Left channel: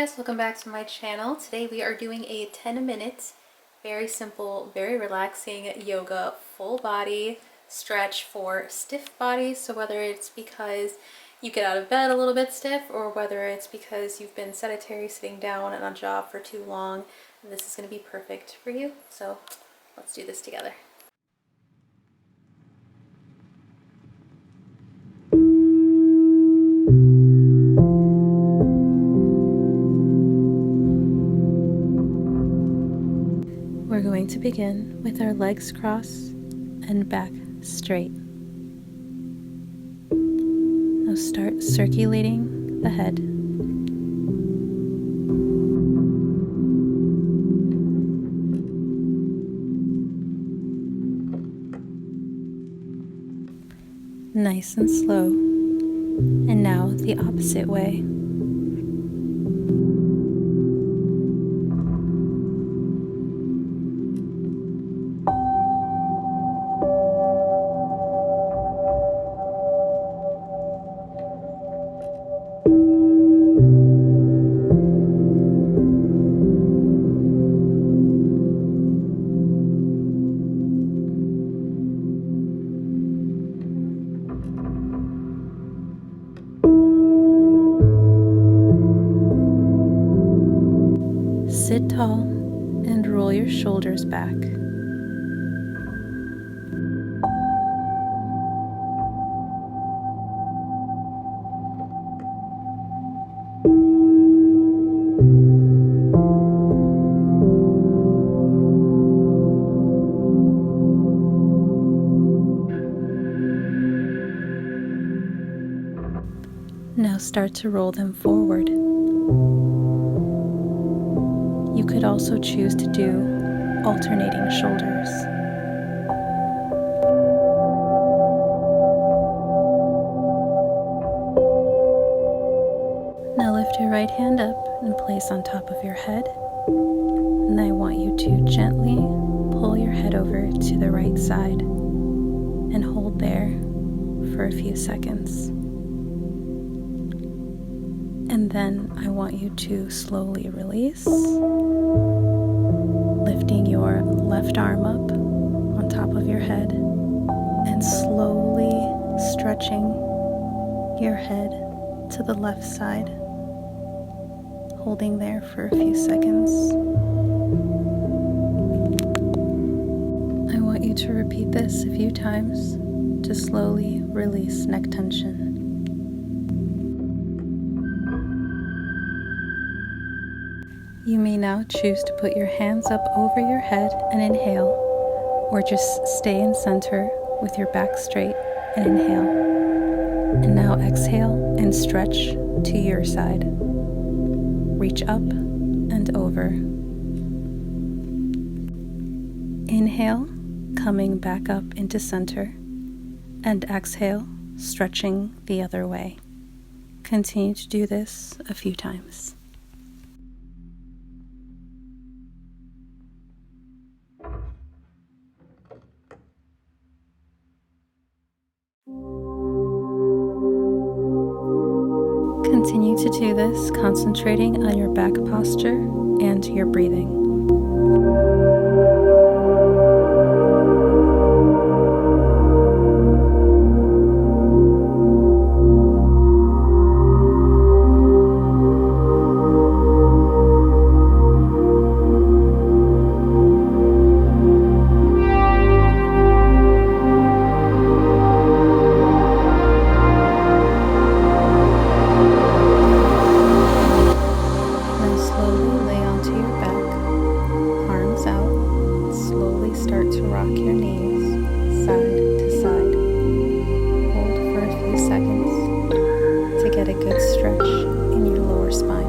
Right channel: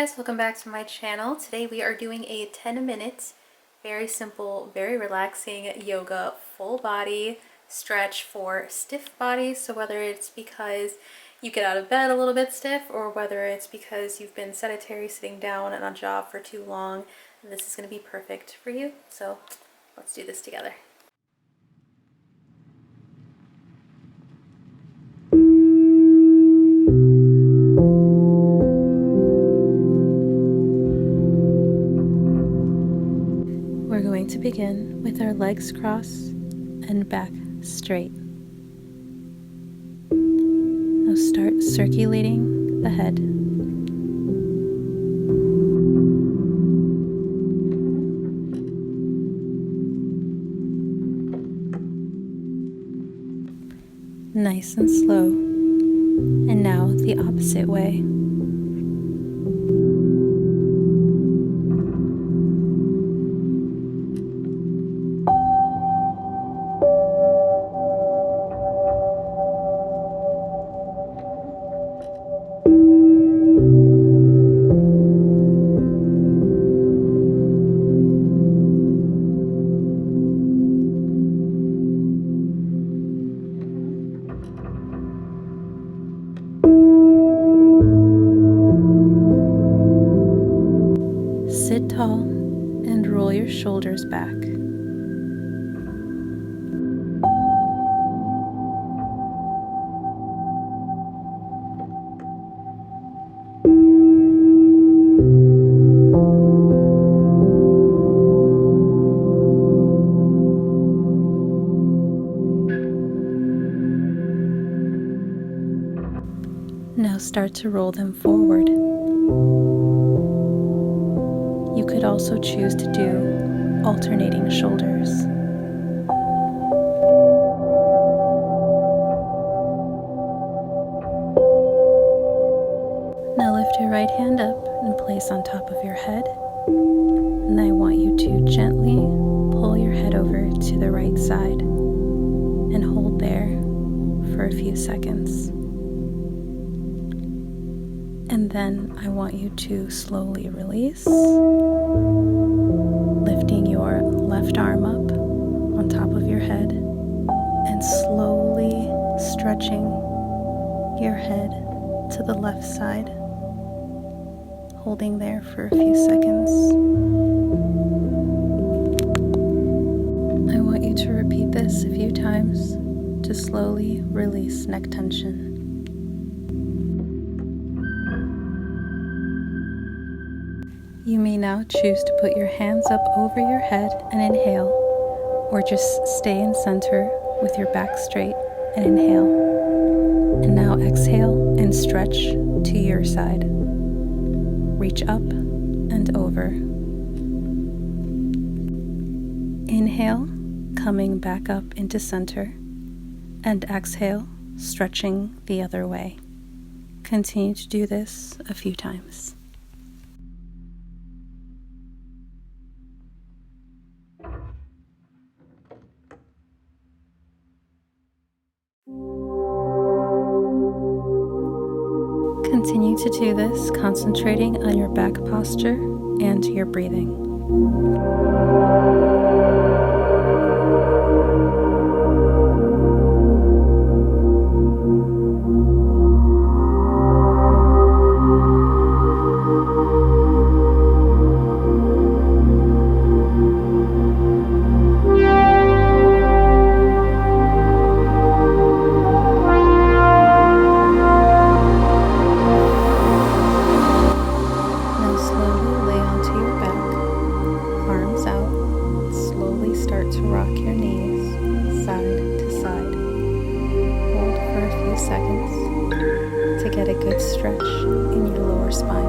guys, welcome back to my channel. Today we are doing a 10-minute, very simple, very relaxing yoga full body stretch for stiff bodies. So whether it's because you get out of bed a little bit stiff or whether it's because you've been sedentary sitting down on a job for too long, this is going to be perfect for you. So let's do this together. We're going to begin with our legs crossed and back straight. Now start circulating the head. Nice and slow. And now the opposite way. Sit tall and roll your shoulders back. Now start to roll them forward. You could also choose to do alternating shoulders. Now lift your right hand up and place on top of your head. And I want you to gently pull your head over to the right side and hold there for a few seconds. And then I want you to slowly release, lifting your left arm up on top of your head and slowly stretching your head to the left side, holding there for a few seconds. I want you to repeat this a few times to slowly release neck tension. You may now choose to put your hands up over your head and inhale, or just stay in center with your back straight and inhale. And now exhale and stretch to your side. Reach up and over. Inhale, coming back up into center, and exhale, stretching the other way. Continue to do this a few times. Continue to do this, concentrating on your back posture and your breathing. Start to rock your knees side to side. Hold for a few seconds to get a good stretch in your lower spine.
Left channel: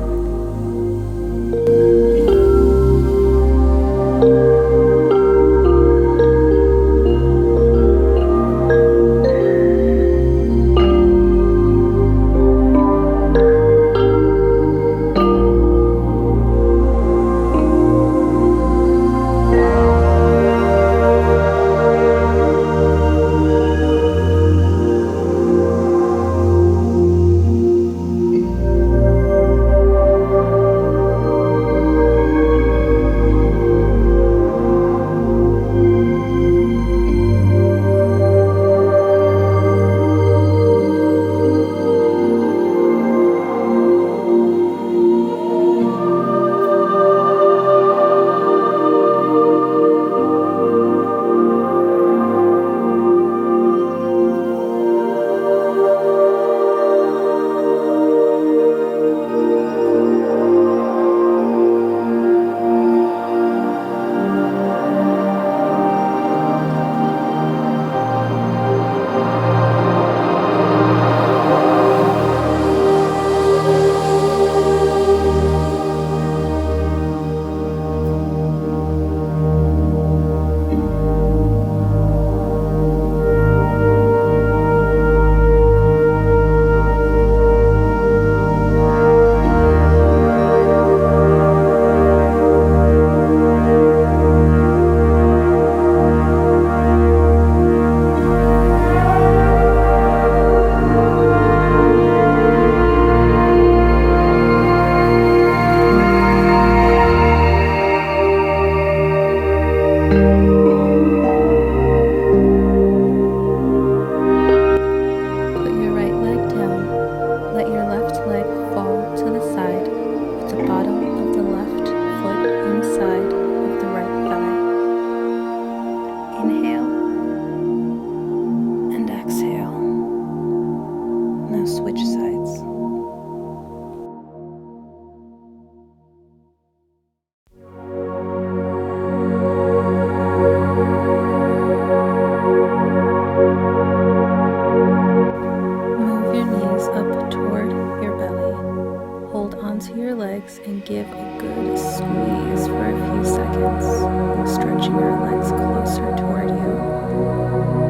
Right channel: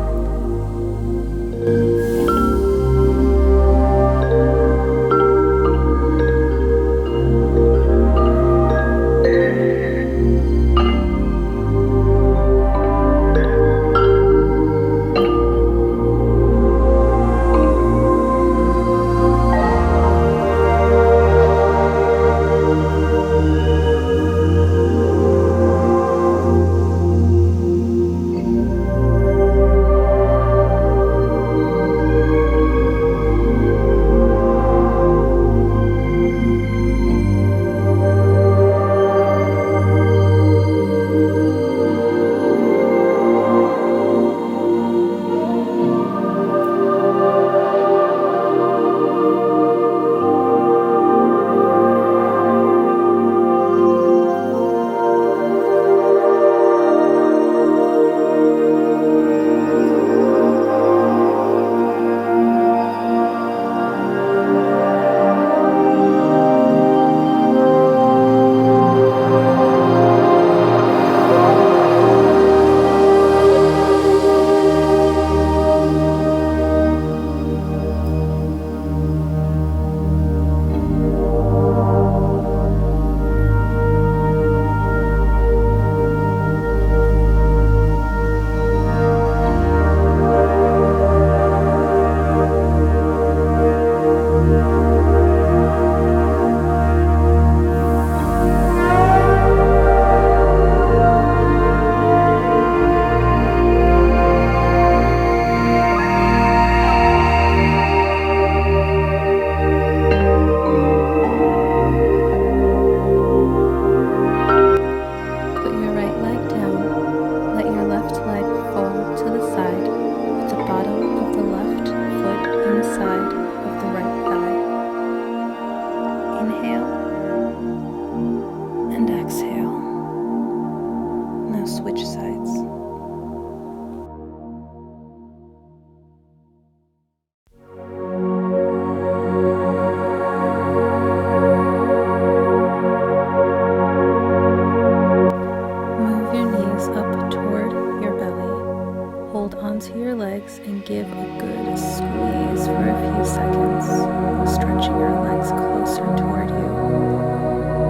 legs and give a good squeeze for a few seconds while stretching your legs closer toward you.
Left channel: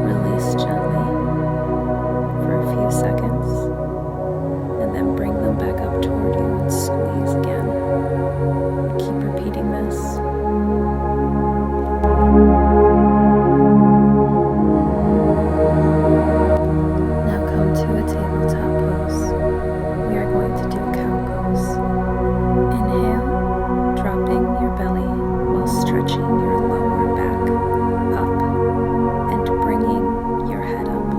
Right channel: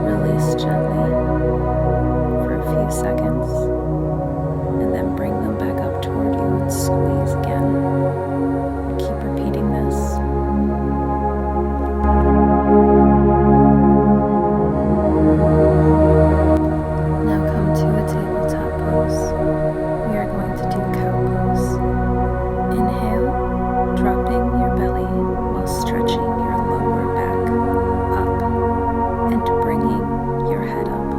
Release gently for a few seconds and then bring them back up toward you and squeeze again. Keep repeating this. Now come to a tabletop pose. We are going to do cow pose. Inhale, dropping your belly while stretching your lower back up and bringing your head up.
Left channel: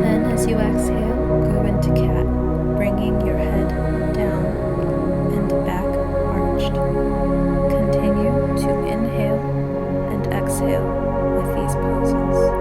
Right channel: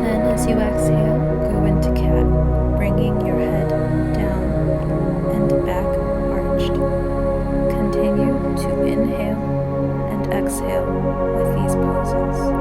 Then as you exhale, go into cat, bringing your head down and back arched. Continue to inhale and exhale with these poses.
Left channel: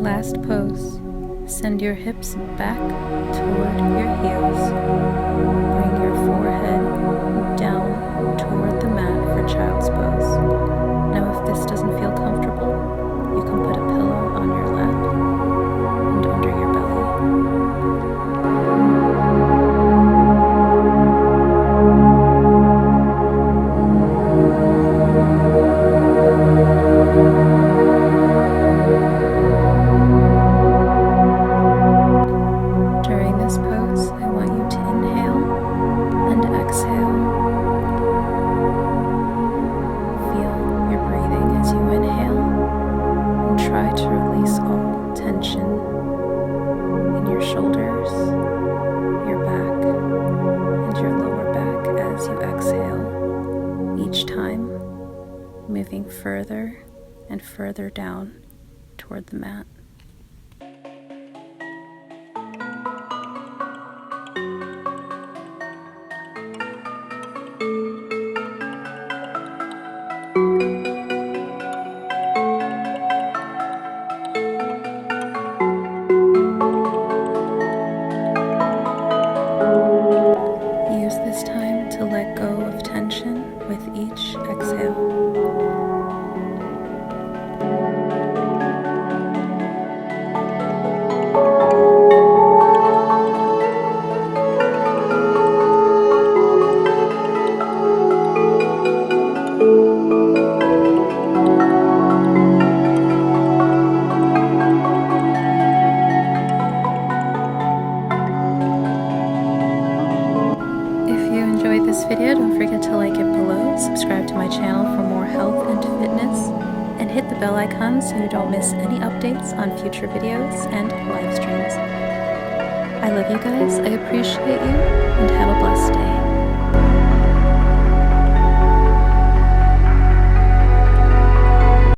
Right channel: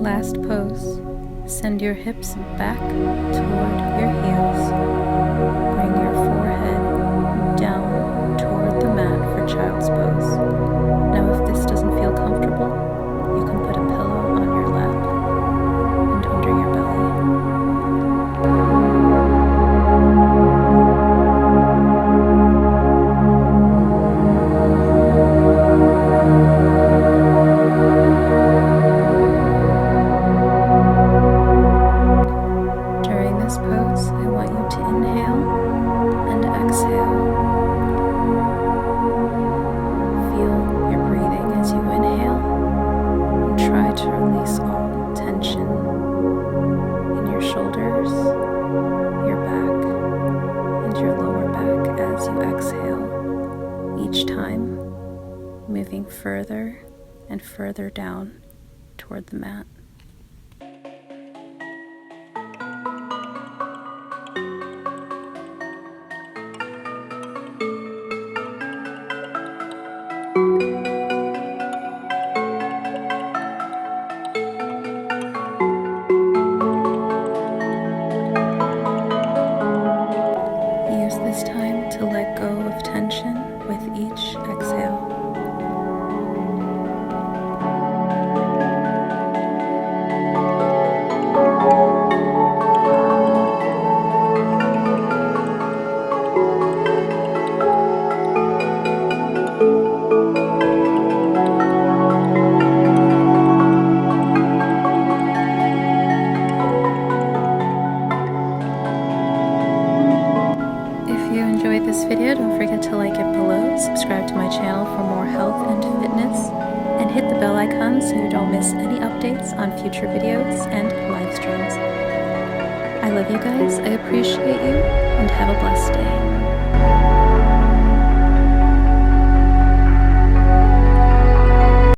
Last pose. Send your hips back toward your heels. Bring your forehead down toward the mat for child's pose. Now if this doesn't feel comfortable, you can put a pillow on your lap and under your belly. During this pose, I want you to inhale and exhale. Feel your breathing as you inhale and try to release all tension in your shoulders, your back, and your lower back as you exhale, each time moving further and further down toward the mat. Use this time to let go of tension with each exhale. If you enjoyed this video, don't forget to like it below, subscribe to my channel for more health and fitness, and hit the bell icon so you don't miss any updates on future videos and live streams. I love you guys, I appreciate you, and have a blessed day.